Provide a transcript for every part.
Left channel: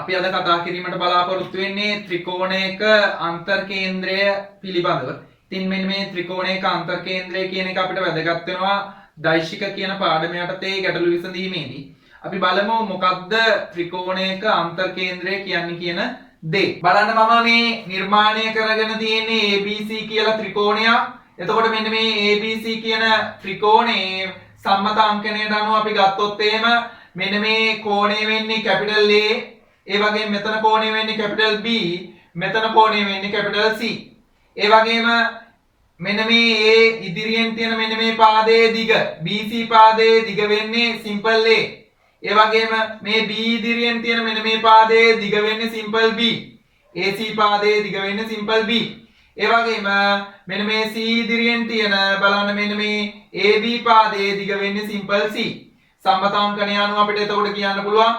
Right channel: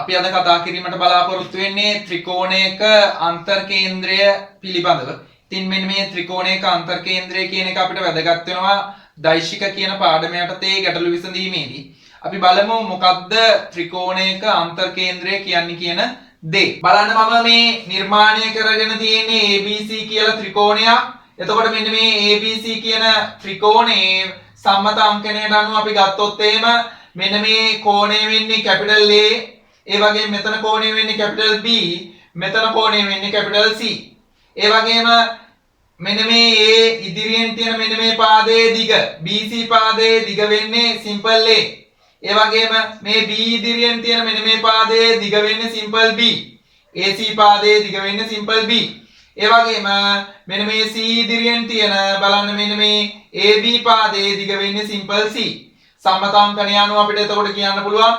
අපි අද කතා කිරීමට බලාපොරොත්තු වෙන්නේ ත්‍රිකෝණයක අන්තර් කේන්ද්‍රය පිළිබඳව. ඉතින් මෙන්න මේ ත්‍රිකෝණයක අන්තර් කේන්ද්‍රය කියන එක අපිට වැදගත් වෙනවා දෛශික කියන පාඩම යටතේ ගැටළු විසඳීමේදී. අපි බලමු මොකක්ද ත්‍රිකෝණයක අන්තර් කේන්ද්‍රය කියන්නේ කියන දේ. බලන්න මම මේ නිර්මාණය කරගෙන තියෙන්නේ ABC කියලා ත්‍රිකෝණයක්. එතකොට මෙන්න මේ ABC කියන ත්‍රිකෝණයේ සම්මත අංකණයට අනුව අපි ගත්තොත් එහෙම මෙන්න මේ කෝණය වෙන්නේ කැපිටල් A, ඒ වගේම මෙතන කෝණය වෙන්නේ කැපිටල් B, මෙතන කෝණය වෙන්නේ කැපිටල් C. ඒ වගේම මෙන්න මේ A ඉදිරියෙන් තියෙන මෙන්න මේ පාදයේ දිග BC පාදයේ දිග වෙන්නේ සිම්පල් A. ඒ වගේම මේ B ඉදිරියෙන් තියෙන මෙන්න මේ පාදයේ දිග වෙන්නේ සිම්පල් B. AC පාදයේ දිග වෙන්නේ සිම්පල් B. ඒ වගේම මෙන්න මේ C ඉදිරියෙන් තියෙන බලන්න මෙන්න මේ AB පාදයේ දිග වෙන්නේ සිම්පල් C. සම්මතාංකණය අනුව අපිට එතකොට කියන්න පුළුවන්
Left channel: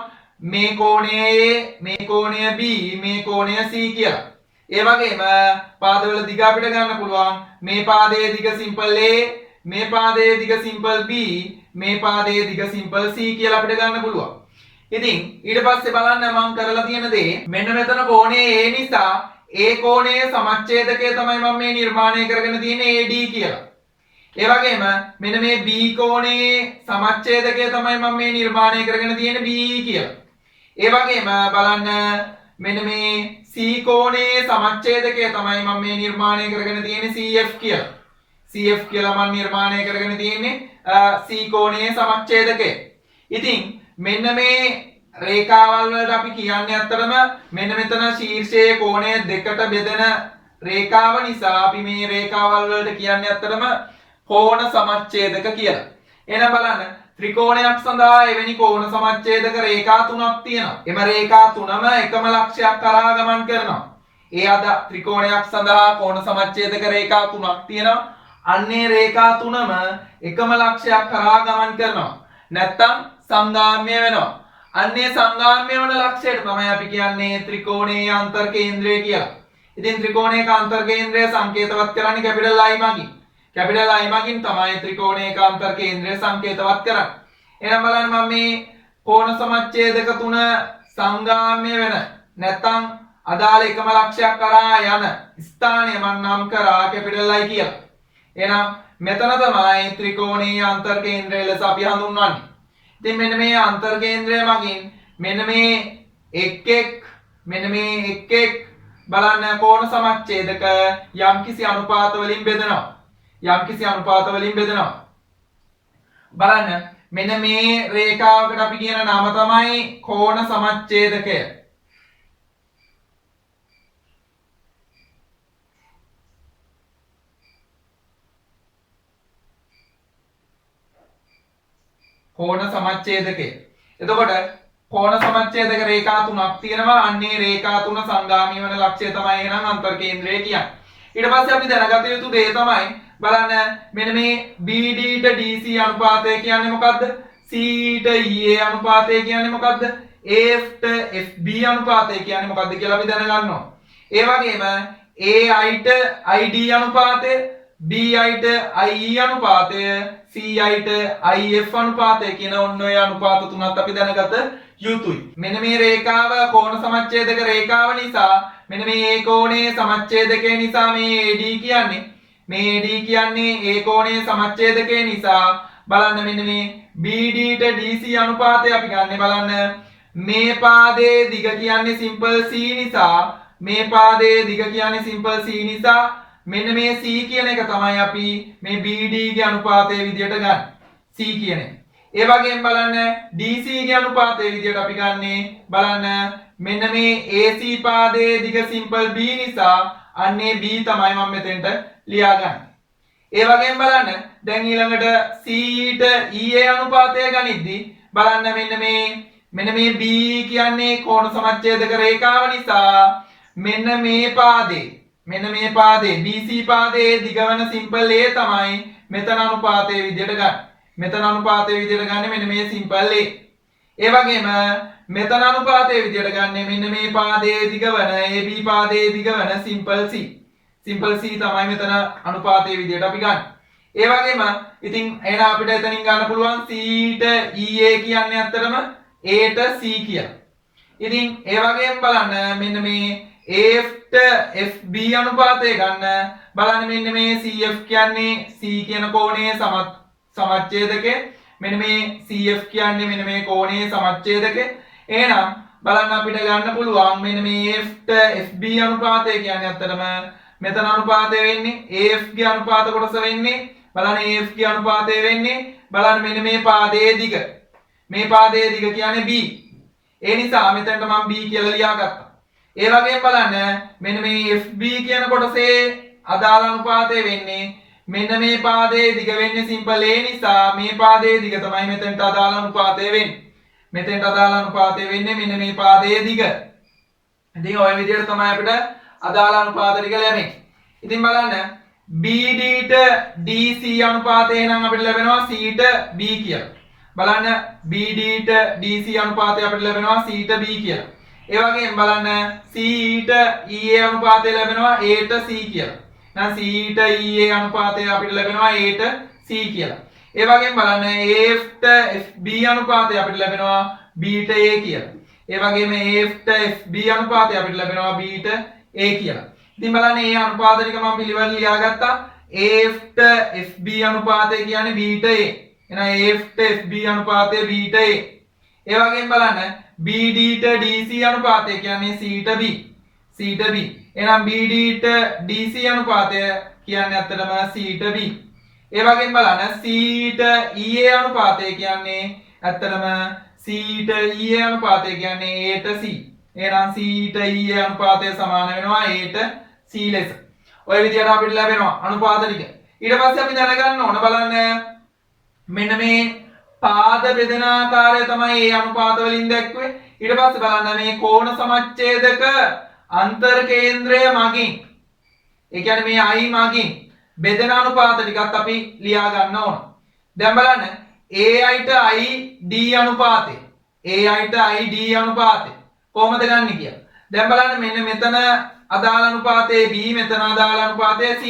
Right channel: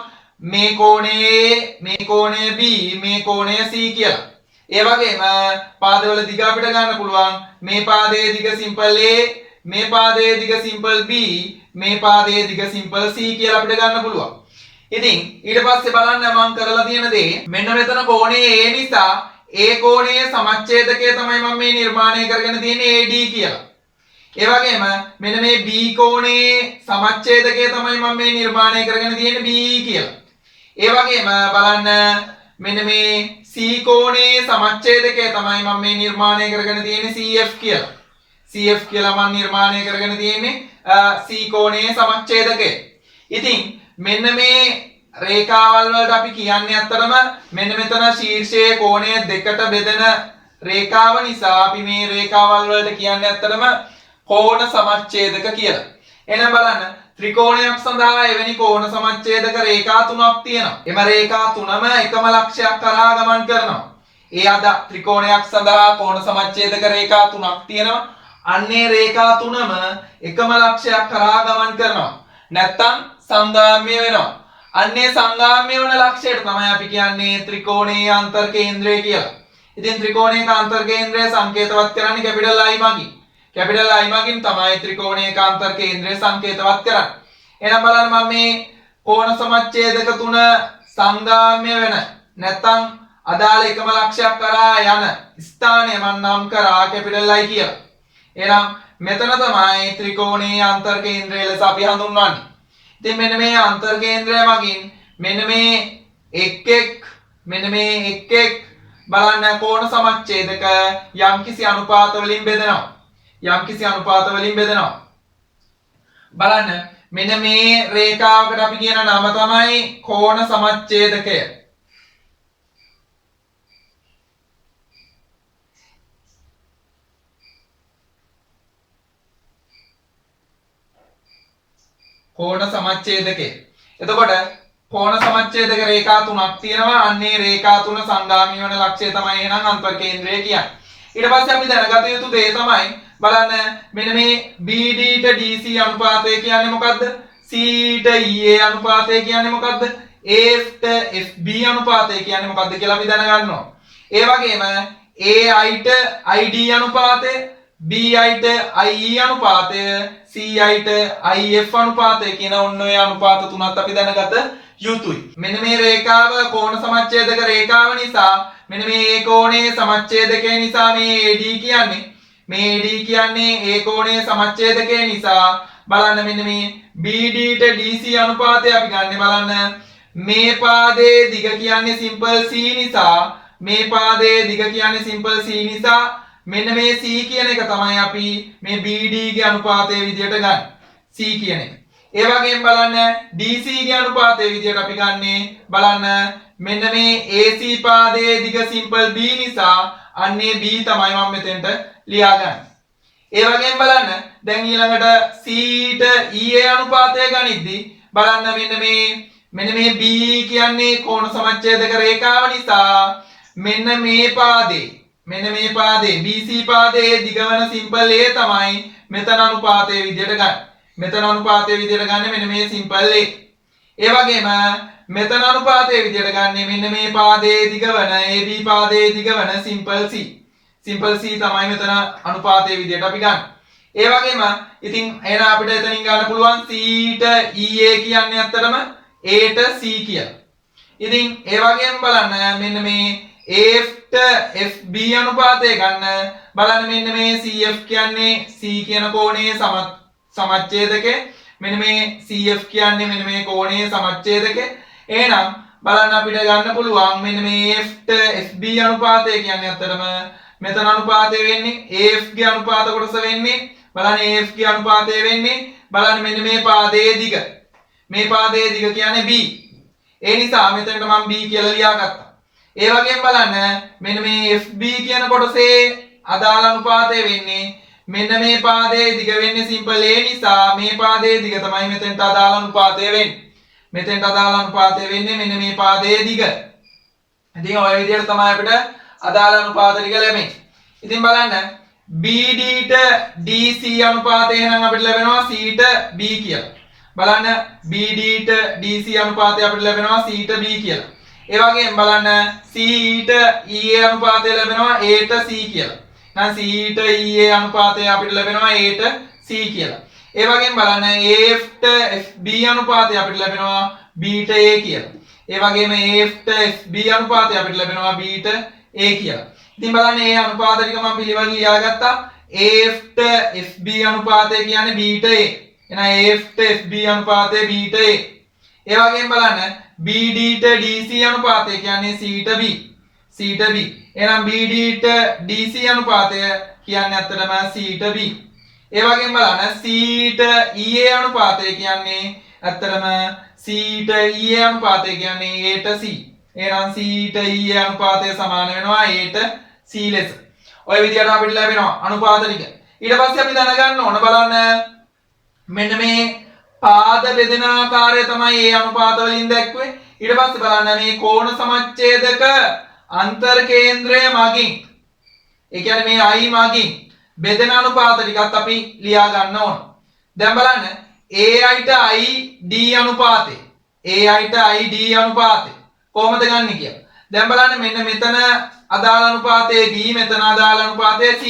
මේ කෝණය A, මේ කෝණය B, මේ කෝණය C කියලා. ඒ වගේම පාදවල දිග අපිට ගන්න පුළුවන් මේ පාදයේ දිග සිම්පල් A, මේ පාදයේ දිග සිම්පල් B, මේ පාදයේ දිග සිම්පල් C කියලා අපිට ගන්න පුළුවන්. ඉතින් ඊට පස්සේ බලන්න මම කරලා තියෙන දේ මෙන්න මෙතන කෝණය A නිසා A කෝණයේ සමච්ඡේදකය තමයි මම මේ නිර්මාණය කරගෙන තියෙන්නේ AD කියලා. ඒ වගේම මෙන්න මේ B කෝණයේ සමච්ඡේදකය තමයි මම මේ නිර්මාණය කරගෙන තියෙන්නේ BE කියලා. ඒ වගේම බලන්න මෙන්න මේ C කෝණයේ සමච්ඡේදකය තමයි මම මේ නිර්මාණය කරගෙන තියෙන්නේ CF කියලා. CF කියලා මම නිර්මාණය කරගෙන තියෙන්නේ C කෝණයේ සමච්ඡේදකය. ඉතින් මෙන්න මේ රේඛාවල් වලට අපි කියන්නේ අත්‍තරම මෙන්න මෙතන ශීර්ෂයේ කෝණය දෙකට බෙදෙන රේඛාව නිසා අපි මේ රේඛාවල් වලට කියන්නේ අත්‍තරම කෝණ සමච්ඡේදක කියලා. එහෙනම් බලන්න ත්‍රිකෝණයක් සඳහා එවැනි කෝණ සමච්ඡේදක රේඛා තුනක් තියෙනවා. එම රේඛා තුනම එකම ලක්ෂයක් කරා ගමන් කරනවා. ඒ අද ත්‍රිකෝණයක් සඳහා කෝණ සමච්ඡේදක රේඛා තුනක් තියෙනවා. අන්නේ රේඛා තුනම එකම ලක්ෂයක් කරා ගමන් කරනවා. නැත්තම් සංගාම්‍ය වෙනවා. අන්නේ සංගාම්‍ය වන ලක්ෂයට තමයි අපි කියන්නේ ත්‍රිකෝණයේ අන්තර් කේන්ද්‍රය කියලා. ඉතින් ත්‍රිකෝණයක අන්තර් කේන්ද්‍රය සංකේතවත් කරන්නේ කැපිටල් I මගින්. කැපිටල් I මගින් තමයි ත්‍රිකෝණයක අන්තර් කේන්ද්‍රය සංකේතවත් කරන්නේ. එහෙනම් බලන්න මම මේ කෝණ සමච්ඡේදක තුන සංගාම්‍ය වෙන නැත්තම් අදාළ එකම ලක්ෂයක් කරා යන ස්ථානය මම නම් කරා කැපිටල් I කියලා. එහෙනම් මෙතන තමයි ත්‍රිකෝණයේ අන්තර් කේන්ද්‍රය ලෙස අපි හඳුන්වන්නේ. ඉතින් මෙන්න මේ අන්තර් කේන්ද්‍රය මගින් මෙන්න මේ මෙන්න මේ බලන්න කෝණ සමච්ඡේදක යම්කිසි අනුපාත වලින් බෙදෙනවා. බලන්න මෙන්න මේ රේඛාවකට අපි කියන නම තමයි කෝණ සමච්ඡේදකය. කෝණ සමච්ඡේදකය. එතකොට කෝණ සමච්ඡේදක රේඛා තුනක් තියෙනවා. අන්නේ රේඛා තුන සංගාමී වන ලක්ෂය තමයි එහෙනම් අන්තර් කේන්ද්‍රය කියන්නේ. ඊට පස්සේ අපි දැනගත යුතු දේ තමයි බලන්න මෙන්න මේ BD ට DC අනුපාතය කියන්නේ මොකද්ද? C ට EA අනුපාතය කියන්නේ මොකද්ද? AF ට FB අනුපාතය කියන්නේ මොකද්ද කියලා අපි දැනගන්න ඕන. ඒ වගේම AI ට ID අනුපාතය, BI ට IE අනුපාතය, CI ට IF අනුපාතය කියන ඔන්න ඔය අනුපාත තුනත් අපි දැනගත යුතුයි. මෙන්න මේ රේඛාව කෝණ සමච්ඡේදක රේඛාව නිසා මෙන්න මේ A කෝණයේ සමච්ඡේදකය නිසා මේ AD කියන්නේ A කෝණයේ සමච්ඡේදකය නිසා බලන්න මෙන්න මේ BD ට DC අනුපාතය අපි ගන්න. බලන්න මේ පාදයේ දිග කියන්නේ සිම්පල් C නිසා මේ පාදයේ දිග කියන්නේ සිම්පල් C නිසා මෙන්න මේ C කියන එක තමයි අපි මේ BD ගේ අනුපාතයේ විදියට ගන්න. C කියන එක. ඒ වගේම බලන්න DC ගේ අනුපාතයේ විදියට අපි ගන්නේ බලන්න මෙන්න මේ AC පාදයේ දිග සිම්පල් B නිසා අන්නේ B තමයි මම මෙතෙන්ට ලියා ගන්න. ඒ වගේම බලන්න දැන් ඊළඟට C ට EA අනුපාතය ගනිද්දි බලන්න මෙන්න මේ B කියන්නේ කෝණ සමච්ඡේදක රේඛාව නිසා මෙන්න මේ පාදේ BC පාදයේ දිග වන සිම්පල් A තමයි මෙතන අනුපාතයේ විදියට ගන්න. මෙතන අනුපාතයේ විදියට ගන්න මෙන්න මේ සිම්පල් A. ඒ වගේම මෙතන අනුපාතයේ විදියට ගන්න මෙන්න මේ පාදයේ දිග වන AB පාදයේ දිග වන සිම්පල් C. සිම්පල් C තමයි මෙතන අනුපාතයේ විදියට අපි ගන්න. ඒ වගේම ඉතින් එහෙනම් අපිට එතනින් ගන්න පුළුවන් C ට EA කියන්නේ ඇත්තටම A ට C කියලා. ඉතින් ඒ වගේම බලන්න මෙන්න මේ AFට FB අනුපාතය ගන්න බලන්න මෙන්න මේ CF කියන්නේ C කියන කෝණයේ සමච්ඡේදකේ මෙන්න මේ CF කියන්නේ මෙන්න මේ කෝණයේ සමච්ඡේදකේ එහෙනම් බලන්න අපිට ගන්න පුළුවන් මෙන්න මේ AFට FB අනුපාතය කියන්නේ අතරම මෙතන අනුපාතය වෙන්නේ AF ගේ අනුපාත කොටස වෙන්නේ බලන්න AF ගේ අනුපාතය වෙන්නේ බලන්න මෙන්න මේ පාදයේ දිග මේ පාදයේ දිග කියන්නේ B ඒ නිසා මෙතනට මම B කියලා ලියාගත්තා ඒ වගේම බලන්න මෙන්න මේ FB කියන කොටසේ අදාළ අනුපාතය වෙන්නේ මෙන්න මේ පාදයේ දිග වෙන්නේ සිම්පල් A නිසා මේ පාදයේ දිග තමයි මෙතනට අදාළ අනුපාතය වෙන්නේ මෙතෙන්ට අදාළ අනුපාතය වෙන්නේ මෙන්න මේ පාදයේ දිග. ඉතින් ඔය විදිහට තමයි අපිට අදාළ අනුපාත ටික ලැබෙන්නේ. ඉතින් බලන්න BD ට DC අනුපාතය එහෙනම් අපිට ලැබෙනවා C ට B කියලා. බලන්න BD ට DC අනුපාතය අපිට ලැබෙනවා C ට B කියලා. ඒ වගේම බලන්න C ට EA අනුපාතය ලැබෙනවා A ට C කියලා. එහෙනම් C ට EA අනුපාතය අපිට ලැබෙනවා A ට C කියලා. ඒ වගේම බලන්න AF ට FB අනුපාතය අපිට ලැබෙනවා B ට A කියලා. ඒ වගේම AF ට FB අනුපාතය අපිට ලැබෙනවා B ට A කියලා. ඉතින් බලන්න මේ අනුපාත ටික මම පිළිවෙල ලියාගත්තා. AF ට FB අනුපාතය කියන්නේ B ට A. එහෙනම් AF ට FB අනුපාතය B ට A. ඒ වගේම බලන්න BD ට DC අනුපාතය කියන්නේ C ට B. C ට B. එහෙනම් BD ට DC අනුපාතය කියන්නේ අත්‍තරම C ට B. ඒ වගේම බලන්න C ට EA අනුපාතය කියන්නේ ඇත්තටම C ට EA අනුපාතය කියන්නේ A ට C. එහෙනම් C ට EA අනුපාතය සමාන වෙනවා A ට C ලෙස. ඔය විදිහට අපිට ලැබෙනවා අනුපාත ටික. ඊට පස්සේ අපි දැනගන්න ඕන බලන්න මෙන්න මේ පාද බෙදෙන ආකාරය තමයි A අනුපාත වලින් දැක්වේ. ඊට පස්සේ බලන්න මේ කෝණ සමච්ඡේදක අන්තර් කේන්ද්‍රය මගින් ඒ කියන්නේ මේ I මගින් බෙදෙන අනුපාත ටිකත් අපි ලියා ගන්න ඕන. දැන් බලන්න AI ට ID අනුපාතය. AI ට ID අනුපාතය කොහොමද ගන්නෙ කියලා. දැන් බලන්න මෙන්න මෙතන අදාළ අනුපාතය B මෙතන අදාළ අනුපාතය C.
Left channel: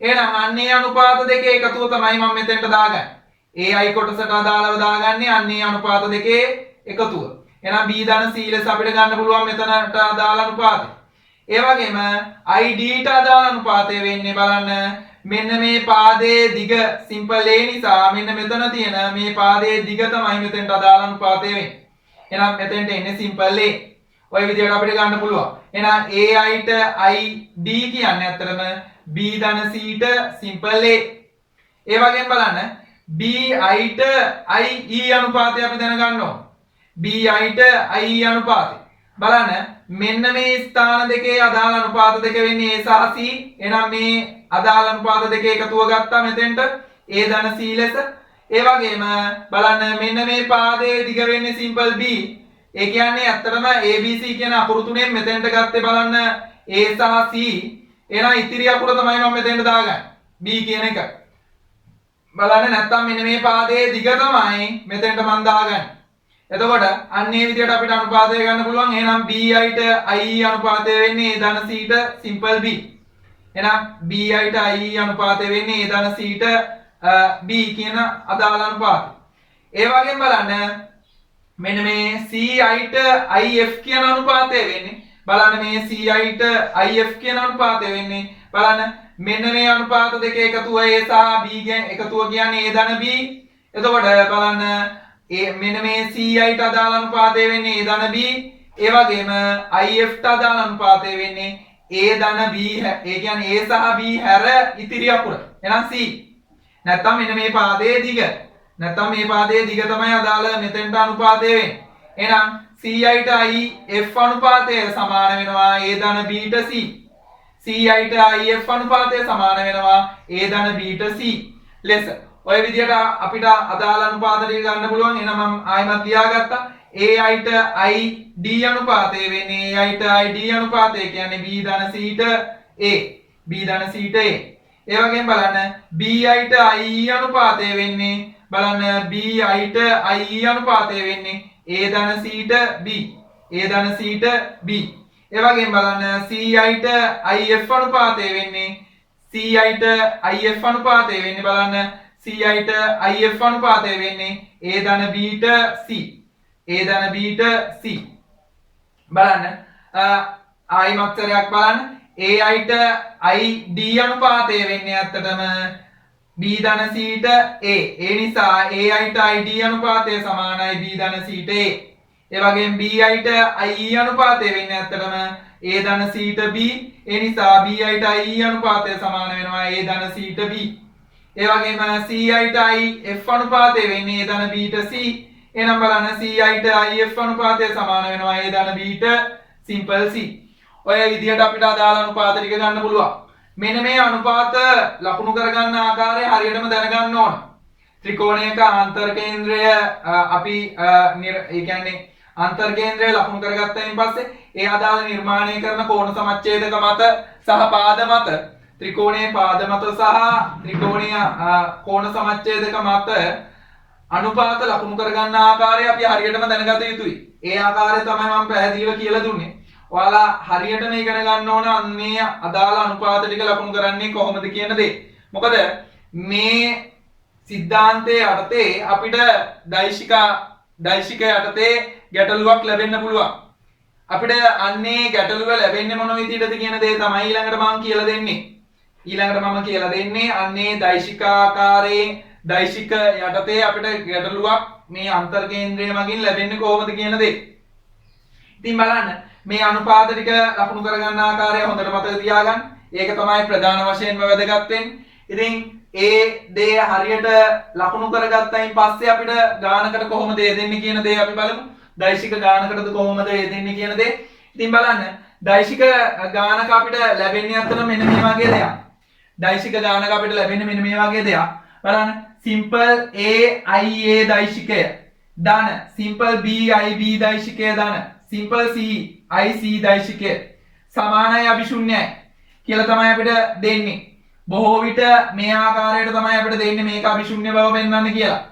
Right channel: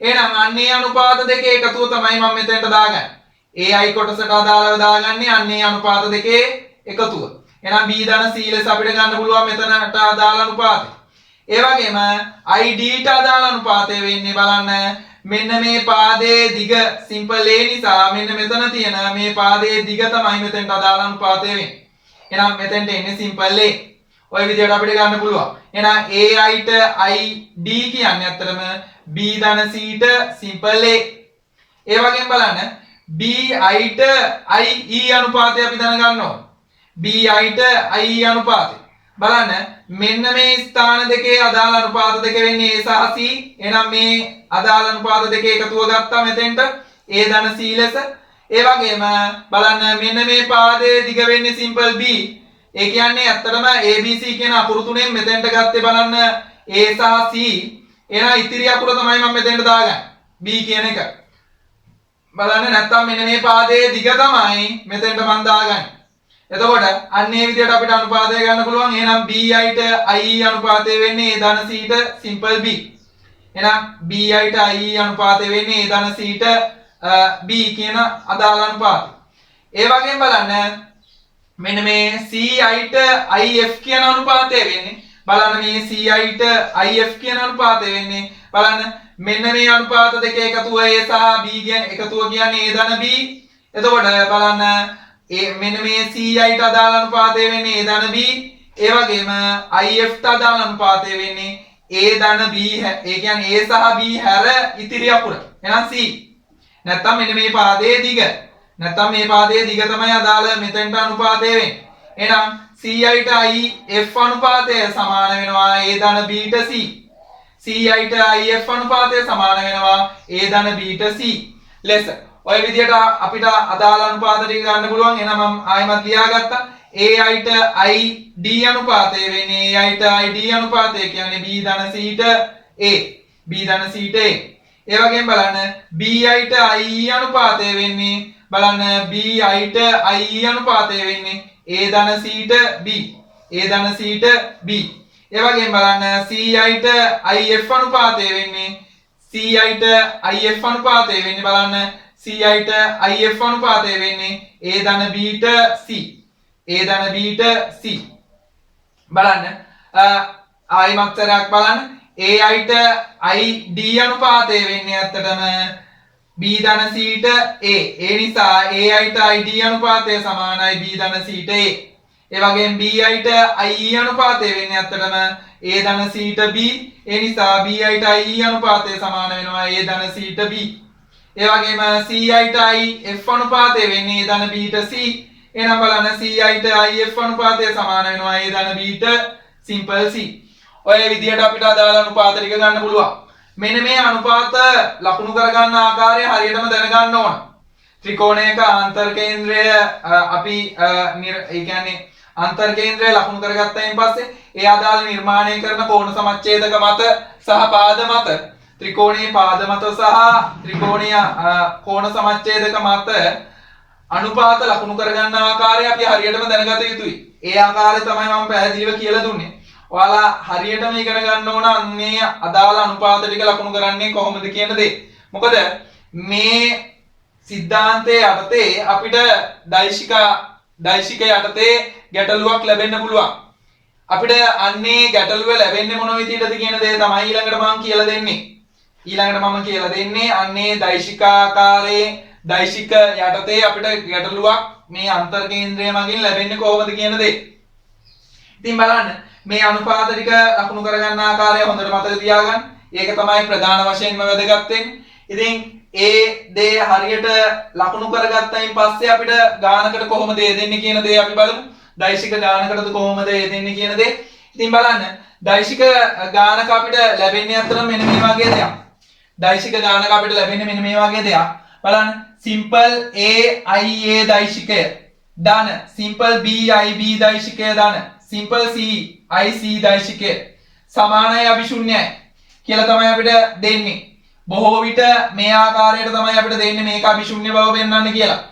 එහෙනම් අන්නේ අනුපාත දෙකේ එකතුව තමයි මම මෙතනට දාගන්නේ. AI කොටසට අදාළව දාගන්නේ අන්නේ අනුපාත දෙකේ එකතුව. එහෙනම් B ධන C ලෙස අපිට ගන්න පුළුවන් මෙතනට අදාළ අනුපාතය. ඒ වගේම ID ට අදාළ අනුපාතය වෙන්නේ බලන්න මෙන්න මේ පාදයේ දිග සිම්පල් A නිසා මෙන්න මෙතන තියෙන මේ පාදයේ දිග තමයි මෙතෙන්ට අදාළ අනුපාතය වෙන්නේ. එහෙනම් මෙතෙන්ට එන්නේ සිම්පල් A. ඔය විදිහට අපිට ගන්න පුළුවන්. එහෙනම් AI ට ID කියන්නේ අත්‍තරම B ධන C ට සිම්පල් A. ඒ වගේම බලන්න BI ට IE අනුපාතය අපි දැනගන්න ඕන. BI ට IE අනුපාතය. බලන්න මෙන්න මේ ස්ථාන දෙකේ අදාළ අනුපාත දෙක වෙන්නේ A සහ C. එහෙනම් මේ අදාළ අනුපාත දෙකේ එකතුව ගත්තා මෙතෙන්ට A ධන C ලෙස. ඒ වගේම බලන්න මෙන්න මේ පාදයේ දිග වෙන්නේ සිම්පල් B. ඒ කියන්නේ ඇත්තටම ABC කියන අකුරු තුනෙන් මෙතෙන්ට ගත්තේ බලන්න A සහ C. එහෙනම් ඉතිරි අකුර තමයි මම මෙතෙන්ට දාගන්නේ. B කියන එක. බලන්න නැත්තම් මෙන්න මේ පාදයේ දිග තමයි මෙතෙන්ට මම දාගන්නේ. එතකොට අන්න ඒ විදිහට අපිට අනුපාතය ගන්න පුළුවන්. එහෙනම් BI ට IE අනුපාතය වෙන්නේ A ධන C ට සිම්පල් B. එහෙනම් BI ට IE අනුපාතය වෙන්නේ A ධන C ට B කියන අදාළ අනුපාතය. ඒ වගේම බලන්න මෙන්න මේ CI ට IF කියන අනුපාතය වෙන්නේ බලන්න මේ CI ට IF කියන අනුපාතය වෙන්නේ බලන්න මෙන්න මේ අනුපාත දෙක එකතුව A සහ B එකතුව කියන්නේ A ධන B. එතකොට බලන්න මෙන්න මේ CI ට අදාළ අනුපාතය වෙන්නේ A ධන B. ඒ වගේම IF ට අදාළ අනුපාතය වෙන්නේ A ධන B. ඒ කියන්නේ A සහ B හැර ඉතිරි අකුර. එහෙනම් C. නැත්තම් මෙන්න මේ පාදයේ දිග. නැත්තම් මේ පාදයේ දිග තමයි අදාළ මෙතෙන්ට අනුපාතය වෙන්නේ. එහෙනම් CI ට IF අනුපාතය සමාන වෙනවා A ධන B ට C. CI ට IF අනුපාතය සමාන වෙනවා A ධන B ට C ලෙස. ඔය විදිහට අපිට අදාළ අනුපාත ටික ගන්න පුළුවන්. එහෙනම් මම ආයෙමත් ලියාගත්තා. AI ට ID අනුපාතය වෙන්නේ AI ට ID අනුපාතය කියන්නේ B ධන C ට A. B ධන C ට A. ඒ වගේම බලන්න BI ට IE අනුපාතය වෙන්නේ බලන්න BI ට IE අනුපාතය වෙන්නේ A ධන C ට B. A ධන C ට B. ඒ වගේම බලන්න CI ට IF අනුපාතය වෙන්නේ CI ට IF අනුපාතය වෙන්නේ බලන්න CI ට IF අනුපාතය වෙන්නේ A ධන B ට C. A ධන B ට C. බලන්න ආයි මත්තරයක් බලන්න ai ට id අනුපාතය වෙන්නේ ඇත්තටම b ධන c ට a. ඒ නිසා ai ට id අනුපාතය සමානයි b ධන c ට a. ඒ වගේම bi ට ie අනුපාතය වෙන්නේ ඇත්තටම a ධන c ට b. ඒ නිසා bi ට ie අනුපාතය සමාන වෙනවා a ධන c ට b. ඒ වගේම ci ට if අනුපාතය වෙන්නේ a ධන b ට c. එහෙනම් බලන්න ci ට if අනුපාතය සමාන වෙනවා a ධන b ට simple c. ඔය විදිහට අපිට අදාළ අනුපාත ටික ගන්න පුළුවන්. මෙන්න මේ අනුපාත ලකුණු කරගන්න ආකාරය හරියටම දැනගන්න ඕන. ත්‍රිකෝණයක ආන්තර කේන්ද්‍රය අපි ඒ කියන්නේ ආන්තර කේන්ද්‍රය ලකුණු කරගත්තායින් පස්සේ ඒ අදාළ නිර්මාණය කරන කෝණ සමච්ඡේදක මත සහ පාද මත ත්‍රිකෝණයේ පාද මත සහ ත්‍රිකෝණීය කෝණ සමච්ඡේදක මත අනුපාත ලකුණු කරගන්න ආකාරය අපි හරියටම දැනගත යුතුයි. ඒ ආකාරය තමයි මම පැහැදිලිව කියලා දුන්නේ. ඔයාලා හරියටම ඉගෙන ගන්න ඕන අන්නේ අදාළ අනුපාත ටික ලකුණු කරන්නේ කොහොමද කියන දේ. මොකද මේ සිද්ධාන්තයේ යටතේ අපිට දෛශික යටතේ ගැටලුවක් ලැබෙන්න පුළුවන්. අපිට අන්නේ ගැටලුව ලැබෙන්නේ මොන විදිහටද කියන දේ තමයි ඊළඟට මම කියලා දෙන්නේ. අන්නේ දෛශිකාකාරයේ දෛශික යටතේ අපිට ගැටලුවක් මේ අන්තර් කේන්ද්‍රය මගින් ලැබෙන්නේ කොහොමද කියන දේ. ඉතින් බලන්න මේ අනුපාත ටික ලකුණු කරගන්න ආකාරය හොඳට මතක තියාගන්න. ඒක තමයි ප්‍රධාන වශයෙන්ම වැදගත් වෙන්නේ. ඉතින් ඒ දේ හරියට ලකුණු කරගත්තයින් පස්සේ අපිට ගානකට කොහොමද දෙන්නේ කියන දේ අපි බලමු. දෛශික ගානකටද කොහොමද දෙන්නේ කියන දේ. ඉතින් බලන්න දෛශික ගානක අපිට ලැබෙන්නේ අතර මෙන්න මේ වගේ දෙයක්. බලන්න simple a ia දෛශිකය ධන simple b ib දෛශිකය ධන simple c ic දෛශිකය සමානයි අභිශුන්‍යයි කියලා තමයි අපිට දෙන්නේ. බොහෝ විට මේ ආකාරයට තමයි අපිට දෙන්නේ මේක අභිශුන්‍ය බව පෙන්වන්න කියලා.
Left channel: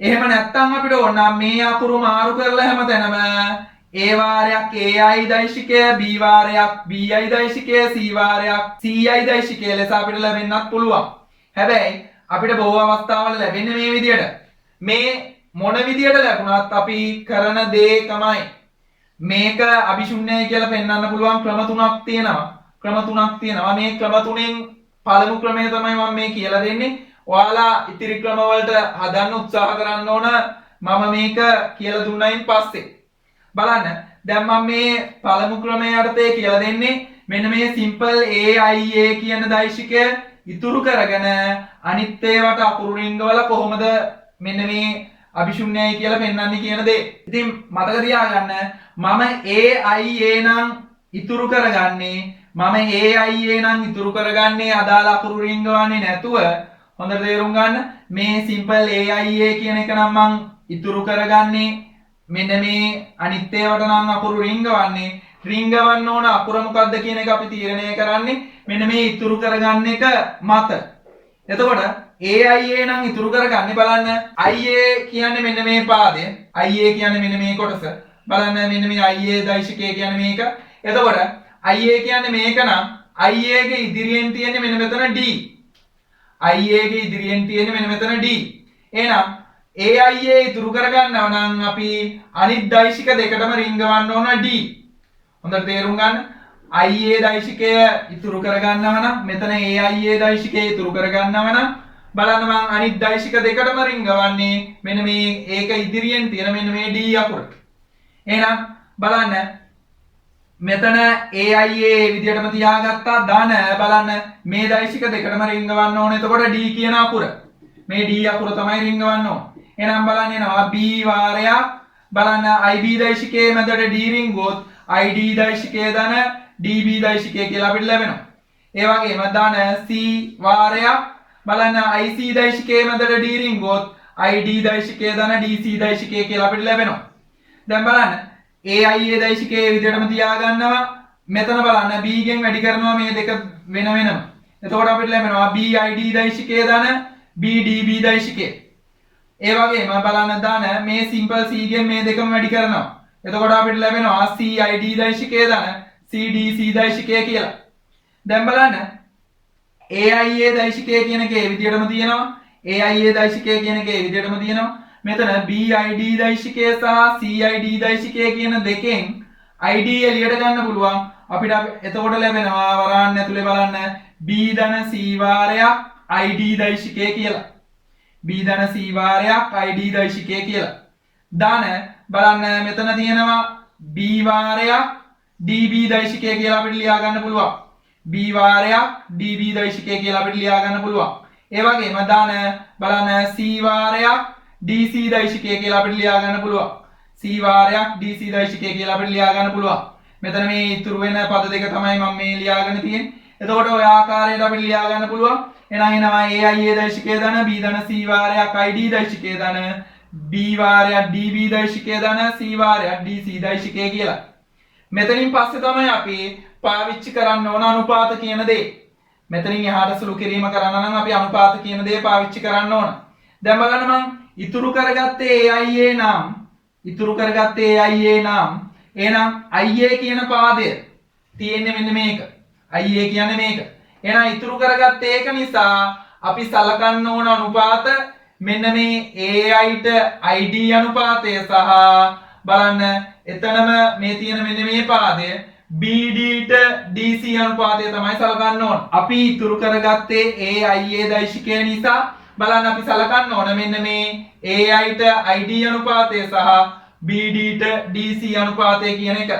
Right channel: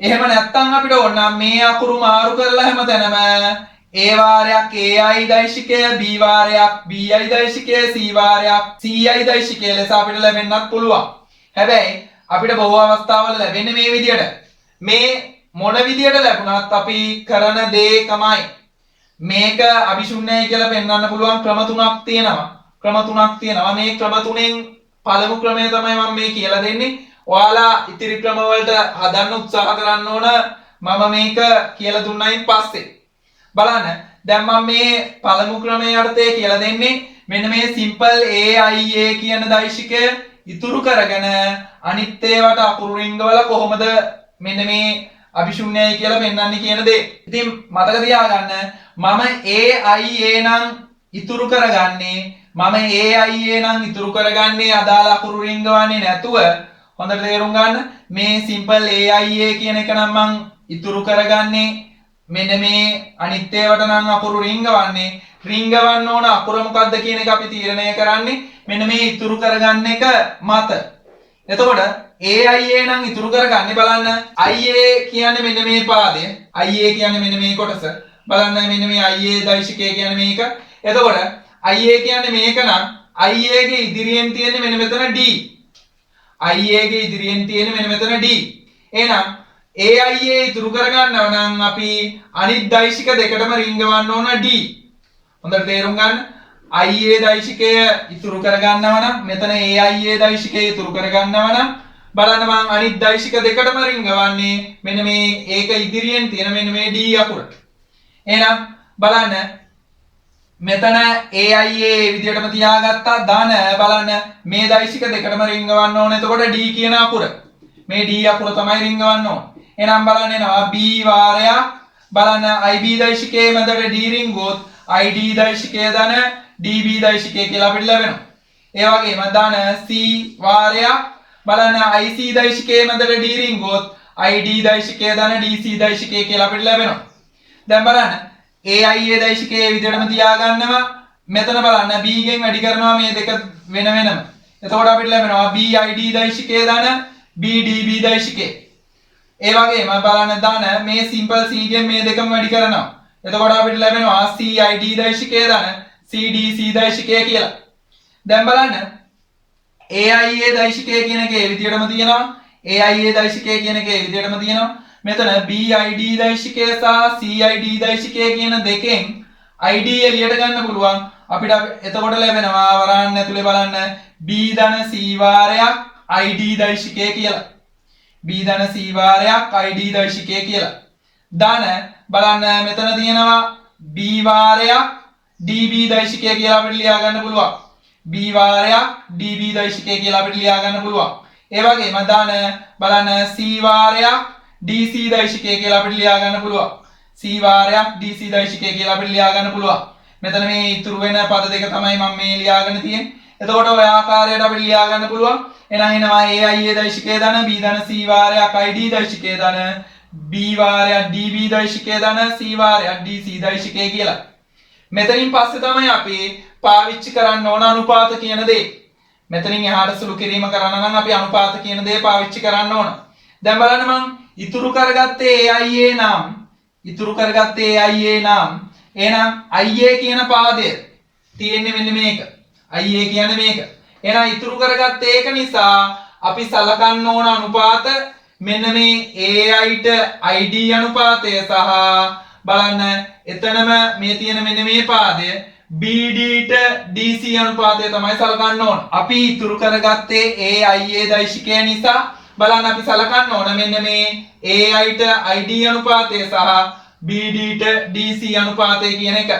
එහෙම නැත්නම් අපිට ඕන නම් මේ අකුරු මාරු කරලා හැමතැනම a වාරයක් ai දෛශිකය b වාරයක් bi දෛශිකය c වාරයක් ci දෛශිකය ලෙස අපිට ලැබෙන්නත් පුළුවන්. හැබැයි අපිට බොහෝ අවස්ථාවල ලැබෙන්නේ මේ විදියට. මේ මොන විදියට ලැබුණත් අපි කරන දේ තමයි මේක අභිශුන්‍යයි කියලා පෙන්වන්න පුළුවන් ක්‍රම තුනක් තියෙනවා. මේ ක්‍රම තුනෙන් පළමු ක්‍රමය තමයි මම මේ කියලා දෙන්නේ. ඔයාලා ඉතිරි ක්‍රම වලට හදන්න උත්සාහ කරන්න ඕන. මම මේක කියලා දුන්නයින් පස්සේ බලන්න දැන් මම මේ පළමු ක්‍රමය යටතේ කියලා දෙන්නේ මෙන්න මේ simple a i a කියන දෛශිකය ඉතුරු කරගෙන අනිත් ඒවාට අකුරු රිංගවල කොහොමද මෙන්න මේ අභිශුන්‍යයි කියලා පෙන්වන්නේ කියන දේ. ඉතින් මතක තියාගන්න මම AIA නම් ඉතුරු කරගන්නේ අදාළ අකුරු රිංගවන්නේ නැතුව හොඳට තේරුම් ගන්න මේ simple AIA කියන එක නම් මං ඉතුරු කරගන්නේ මෙන්න මේ අනිත් ඒවාට නම් අකුරු රිංගවන්න ඕන අකුර මොකක්ද කියන එක අපි තීරණය කරන්නේ මෙන්න මේ ඉතුරු කරගන්න එක මත. එතකොට AIA නම් ඉතුරු කරගන්නේ බලන්න IA කියන්නේ මෙන්න මේ පාදය. IA කියන්නේ මෙන්න මේ කොටස. බලන්න මෙන්න මේ IA දෛශිකය කියන්නේ මේක. එතකොට IA කියන්නේ මේක නම් IA ගේ ඉදිරියෙන් තියෙන්නේ මෙන්න මෙතන D. එහෙනම් AIA ඉතුරු කරගන්නව නම් අපි අනිත් දෛශික දෙකටම රිංගවන්න ඕන D. හොඳට තේරුම් ගන්න. IA දෛශිකය ඉතුරු කරගන්නව නම් මෙතන AIA දෛශිකය ඉතුරු කරගන්නව නම් බලන්න මම අනිත් දෛශික දෙකටම රිංගවන්නේ මෙන්න මේ ඒක ඉදිරියෙන් තියෙන මෙන්න මේ D අකුර. එහෙනම් බලන්න මෙතන AIA විදියටම තියාගත්තා ධන බලන්න මේ දෛශික දෙකටම රිංගවන්න ඕනේ. එතකොට D කියන අකුර. මේ D අකුර තමයි රිංගවන්න ඕනේ. එහෙනම් බලන්න එනවා B වාරයක් බලන්න IB දෛශිකයේ මැදට D රිංගුවොත් ID දෛශිකය ධන DB දෛශිකය කියලා අපිට ලැබෙනවා. ඒ වගේම ධන C වාරයක් බලන්න IC දෛශිකයේ මැදට D රිංගුවොත් ID දෛශිකය ධන DC දෛශිකය කියලා අපිට ලැබෙනවා. දැන් බලන්න AIA දෛශිකයේ විදිහටම තියාගන්නවා. මෙතන බලන්න B ගෙන් වැඩි කරනවා මේ දෙක වෙනම. එතකොට අපිට ලැබෙනවා BID දෛශිකය ධන BDB දෛශිකය. ඒ වගේම බලන්න ධන මේ simple C ගෙන් මේ දෙකම වැඩි කරනවා. එතකොට අපිට ලැබෙනවා CID දෛශිකය ධන CDC දෛශිකය කියලා. දැන් බලන්න AIA දෛශිකය කියන එකේ විදිහටම තියෙනවා. මෙතන BID දෛශිකය සහ CID දෛශිකය කියන දෙකෙන් ID එළියට ගන්න පුළුවන්. අපිට එතකොට ලැබෙනවා වරාන්න ඇතුලේ බලන්න B ධන C වාරයක් ID දෛශිකය කියලා. B ධන C වාරයක් ID දෛශිකය කියලා. ධන බලන්න මෙතන තියෙනවා B වාරයක් DB දෛශිකය කියලා අපිට ලියා ගන්න පුළුවන්. B වාරයක් DB දෛශිකය කියලා අපිට ලියා ගන්න පුළුවන්. ඒ වගේම ධන බලන්න C වාරයක් DC දෛශිකය කියලා අපිට ලියා ගන්න පුළුවන්. C වාරයක් DC දෛශිකය කියලා අපිට ලියා ගන්න පුළුවන්. මෙතන මේ ඉතුරු වෙන පද දෙක තමයි මම මේ ලියාගෙන තියෙන්නේ. එතකොට ඔය ආකාරයට අපිට ලියා ගන්න පුළුවන්. එහෙනම් එනවා AIA දෛශිකය ධන B ධන C වාරයක් ID දෛශිකය ධන B වාරයක් DB දෛශිකය ධන C වාරයක් DC දෛශිකය කියලා. මෙතනින් පස්සේ තමයි අපි පාවිච්චි කරන්න ඕන අනුපාත කියන දේ. මෙතනින් එහාට සුළු කිරීම කරන්න නම් අපි අනුපාත කියන දේ පාවිච්චි කරන්න ඕන. දැන් බලන්න මම ඉතුරු කරගත්තේ AIA නම් එහෙනම් IA කියන පාදය තියෙන්නේ මෙන්න මේක. IA කියන්නේ මේක. එහෙනම් ඉතුරු කරගත්තේ ඒක නිසා අපි සලකන්න ඕන අනුපාත මෙන්න මේ AIට ID අනුපාතය සහ බලන්න එතනම මේ තියෙන මෙන්න මේ පාදය BDට DC අනුපාතය තමයි සලකන්න ඕන. අපි ඉතුරු කරගත්තේ AIA දෛශිකය නිසා බලන්න අපි සලකන්න ඕන මෙන්න මේ AIට ID අනුපාතය සහ BDට DC අනුපාතය කියන එක.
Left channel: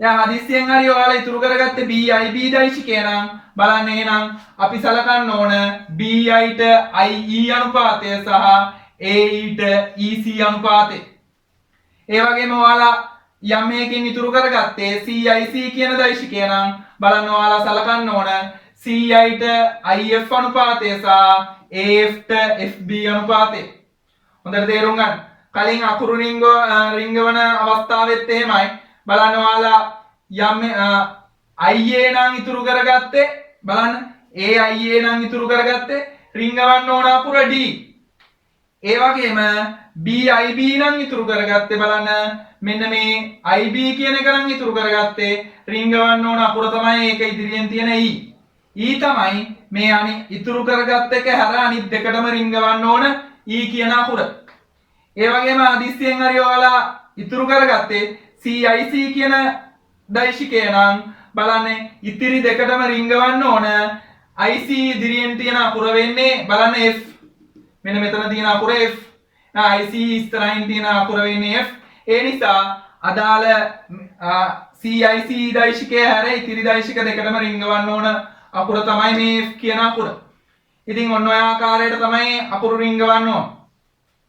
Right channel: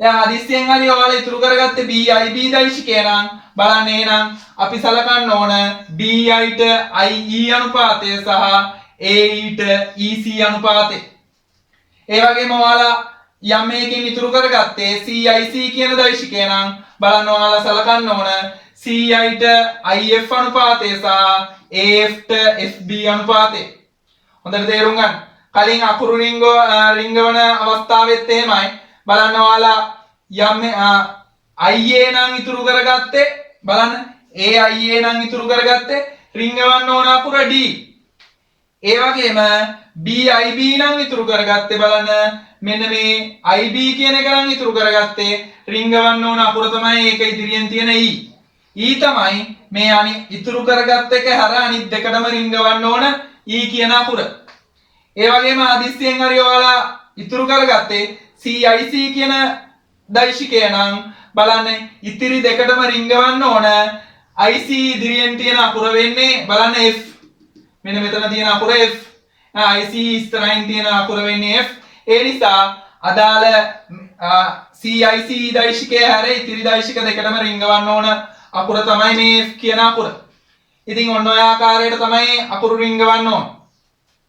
දැන් හදිස්සියෙන් හරි ඔයාලා ඉතුරු කරගත්තේ BIB දෛශිකය නම් බලන්න එහෙනම් අපි සලකන්න ඕන BIට IE අනුපාතය සහ AEට EC අනුපාතය. ඒ වගේම ඔයාලා යම් මේකින් ඉතුරු කරගත්තේ CIC කියන දෛශිකය නම් බලන්න ඔයාලා සලකන්න ඕන CIට IF අනුපාතය සහ AFට FB අනුපාතය. හොඳට තේරුම් ගන්න. කලින් අකුරු රිංගවන අවස්ථාවෙත් එහෙමයි. බලන්න ඔයාලා යම් IA නම් ඉතුරු කරගත්තේ බලන්න AIA නම් ඉතුරු කරගත්තේ රිංගවන්න ඕන අකුර D. ඒ වගේම BIB නම් ඉතුරු කරගත්තේ බලන්න මෙන්න මේ IB කියන එක නම් ඉතුරු කරගත්තේ රිංගවන්න ඕන අකුර තමයි ඒක ඉදිරියෙන් තියෙන E. E තමයි මේ ඉතුරු කරගත්ත එක හැර අනිත් දෙකටම රිංගවන්න ඕන E කියන අකුර. ඒ වගේම අදිස්සියෙන් හරි ඔයාලා ඉතුරු කරගත්තේ CIC කියන දෛශිකය නම් බලන්න ඉතිරි දෙකටම රිංගවන්න ඕන IC ඉදිරියෙන් තියෙන අකුර වෙන්නේ බලන්න F. මෙන්න මෙතන තියෙන අකුර F. IC ඉස්සරහින් තියෙන අකුර වෙන්නේ F. ඒ නිසා අදාළ CIC දෛශිකය හැර ඉතිරි දෛශික දෙකටම රිංගවන්න ඕන අකුර තමයි මේ F කියන අකුර. ඉතින් ඔන්න ඔය ආකාරයට තමයි අකුරු රිංගවන්න ඕන.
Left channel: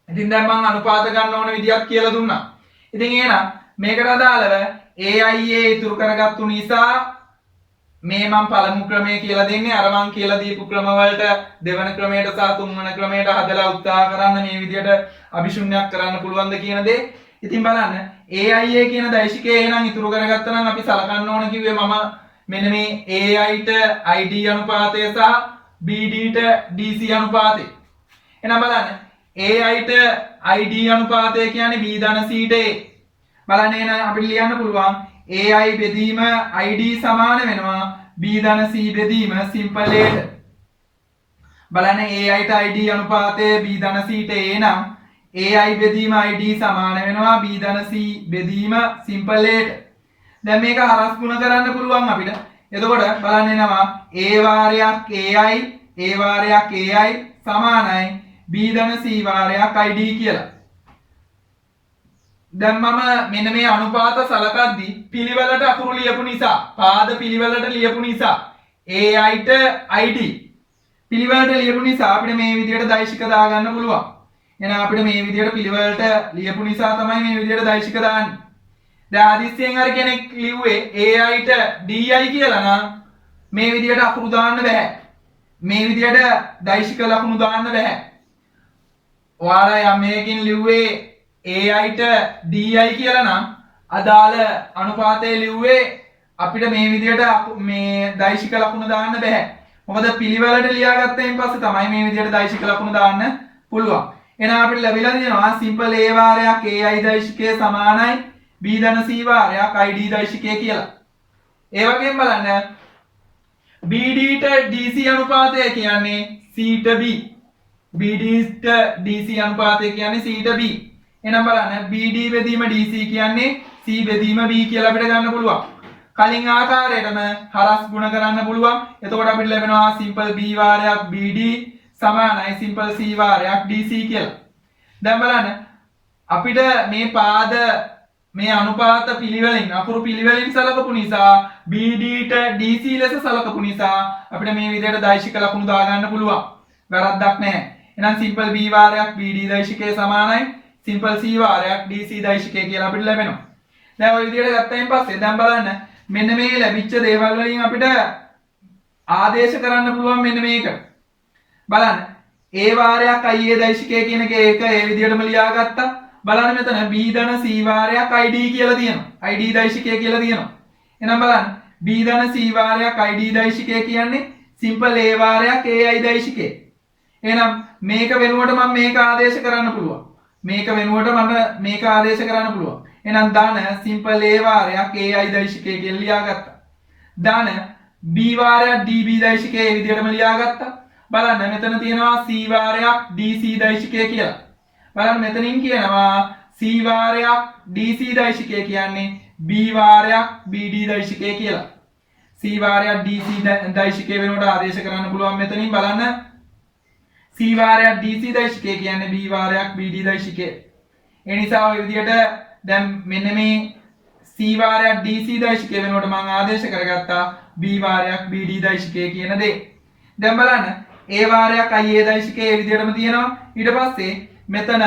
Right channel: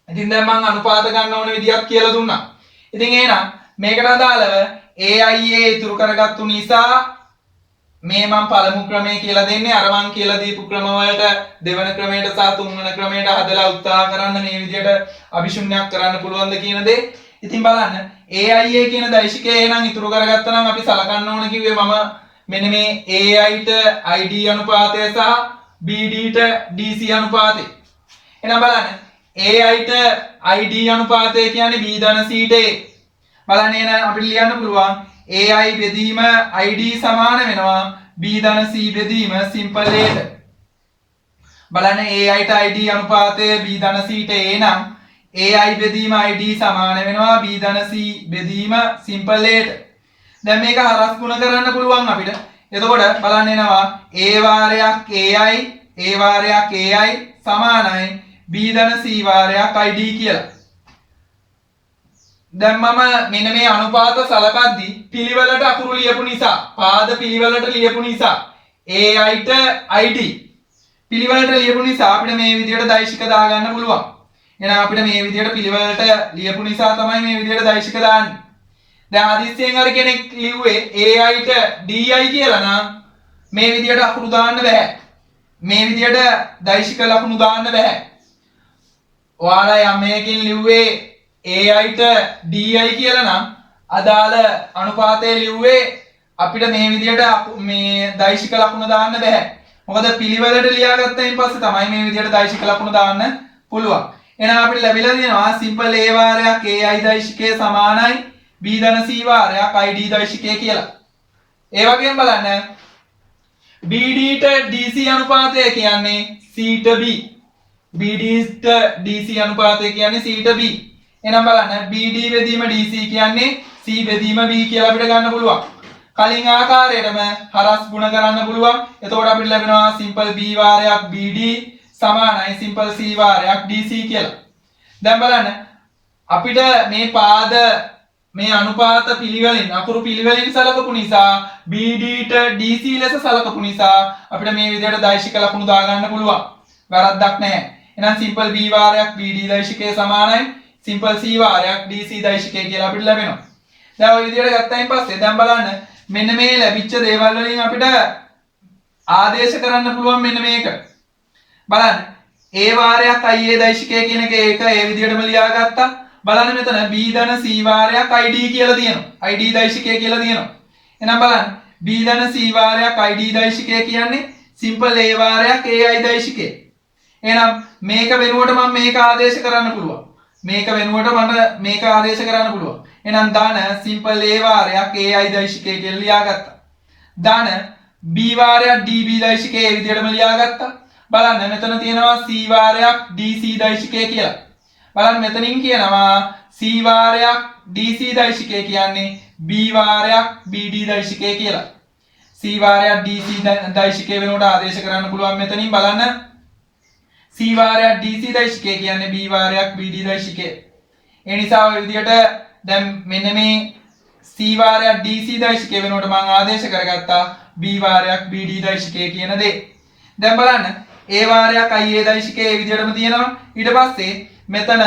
ඉතින් දැන් මම අනුපාත ගන්න ඕන විදියක් කියලා දුන්නා. ඉතින් එහෙනම් මේකට අදාළව AIA ඉතුරු කරගත්තු නිසා මේ මම පළමු ක්‍රමය කියලා දෙන්නේ අර මං කියලා දීපු ක්‍රම වලට දෙවන ක්‍රමයට සහ තුන්වන ක්‍රමයට හදලා උත්සාහ කරන්න මේ විදියට අභිශුන්‍යයක් කරන්න පුළුවන්ද කියන දේ. ඉතින් බලන්න AIA කියන දෛශිකය එහෙනම් ඉතුරු කරගත්තා නම් අපි සලකන්න ඕන කිව්වේ මම මෙන්න මේ AIට ID අනුපාතය සහ BDට DC අනුපාතය. එහෙනම් බලන්න AIට ID අනුපාතය කියන්නේ B ධන Cට A. බලන්න එහෙනම් අපිට ලියන්න පුළුවන් AI බෙදීම ID සමාන වෙනවා B ධන C බෙදීම simple Aට. බලන්න AIට ID අනුපාතය B ධන Cට A නම් AI බෙදීම ID සමාන වෙනවා B ධන C බෙදීම simple Aට. දැන් මේක හරස් ගුණ කරන්න පුළුවන් අපිට. එතකොට බලන්න එනවා A වාරයක් AI A වාරයක් AI සමානයි B ධන C වාරයක් ID කියලා. දැන් මම මෙන්න මේ අනුපාත සලකද්දී පිළිවෙලට අකුරු ලියපු නිසා පාද පිළිවෙලට ලියපු නිසා AIට ID පිළිවෙලට ලියපු නිසා අපිට මේ විදිහට දෛශික දාගන්න පුළුවන්. එහෙනම් අපිට මේ විදිහට පිළිවෙලට ලියපු නිසා තමයි මේ විදිහට දෛශික දාන්නේ. දැන් හදිස්සියෙන් හරි කෙනෙක් ලිව්වේ AIට DI කියලා නම් මේ විදිහට අකුරු දාන්න බෑ. මේ විදිහට දෛශික ලකුණු දාන්න බෑ. ඔයාලා යම් මේකකින් ලිව්වේ AIට DI කියලා නම් අදාළ අනුපාතය ලිව්වේ අපිට මේ විදිහට මේ දෛශික ලකුණ දාන්න බෑ. මොකද පිළිවෙලට ලියාගත්තයින් පස්සේ තමයි මේ විදිහට දෛශික ලකුණ දාන්න පුළුවන්. එහෙනම් අපිට ලැබිලා තියෙනවා simple A වාරයක් AI දෛශිකය සමානයි B ධන C වාරයක් ID දෛශිකය කියලා. ඒ වගේම බලන්න BDට DC අනුපාතය කියන්නේ C ට B. BDට DC අනුපාතය කියන්නේ C ට B. එහෙනම් බලන්න BD බෙදීම DC කියන්නේ C බෙදීම B කියලා අපිට ගන්න පුළුවන්. කලින් ආකාරයටම හරස් ගුණ කරන්න පුළුවන්. එතකොට අපිට ලැබෙනවා simple B වාරයක් BD සමානයි simple C වාරයක් DC කියලා. දැන් බලන්න අපිට මේ පාද මේ අනුපාත පිළිවෙලින් අකුරු පිළිවෙලින් සලකපු නිසා BD ට DC ලෙස සලකපු නිසා අපිට මේ විදිහට දෛශික ලකුණු දාගන්න පුළුවන්. වැරද්දක් නැහැ. එහෙනම් simple B වාරයක් BD දෛශිකයේ සමානයි simple C වාරයක් DC දෛශිකය කියලා අපිට ලැබෙනවා. දැන් ඔය විදිහට ගත්තයින් පස්සේ දැන් බලන්න මෙන්න මේ ලැබිච්ච දේවල් වලින් අපිට ආදේශ කරන්න පුළුවන් මෙන්න මේක. බලන්න A වාරයක් IA දෛශිකය කියන එක ඒක ඒ විදිහටම ලියාගත්තා. බලන්න මෙතන B ධන C වාරයක් ID කියලා තියෙනවා. ID දෛශිකය කියලා තියෙනවා. එහෙනම් බලන්න B ධන C වාරයක් ID දෛශිකය කියන්නේ simple A වාරයක් AI දෛශිකය. එහෙනම් මේක වෙනුවට මම මේක ආදේශ කරන්න පුළුවන්. මේක වෙනුවට මම මේක ආදේශ කරන්න පුළුවන්. එහෙනම් දාන simple A වාරයක් AI දෛශිකය කියලා ලියාගත්තා. දාන B වාරයක් DB දෛශිකය ඒ විදිහටම ලියාගත්තා. බලන්න මෙතන තියෙනවා C වාරයක් DC දෛශිකය කියලා. බලන්න මෙතනින් කියනවා C වාරයක් DC දෛශිකය කියන්නේ B වාරයක් BD දෛශිකය කියලා. C වාරයක් DC දෛශිකය වෙනුවට ආදේශ කරන්න පුළුවන් මෙතනින් බලන්න C වාරයක් DC දෛශිකය කියන්නේ B වාරයක් BD දෛශිකය. ඒ නිසා ඔය විදිහට දැන් මෙන්න මේ C වාරයක් DC දෛශිකය වෙනුවට මම ආදේශ කරගත්තා B වාරයක් BD දෛශිකය කියන දේ. දැන් බලන්න A වාරයක් IA දෛශිකය ඒ විදිහටම තියෙනවා. ඊට පස්සේ මෙතන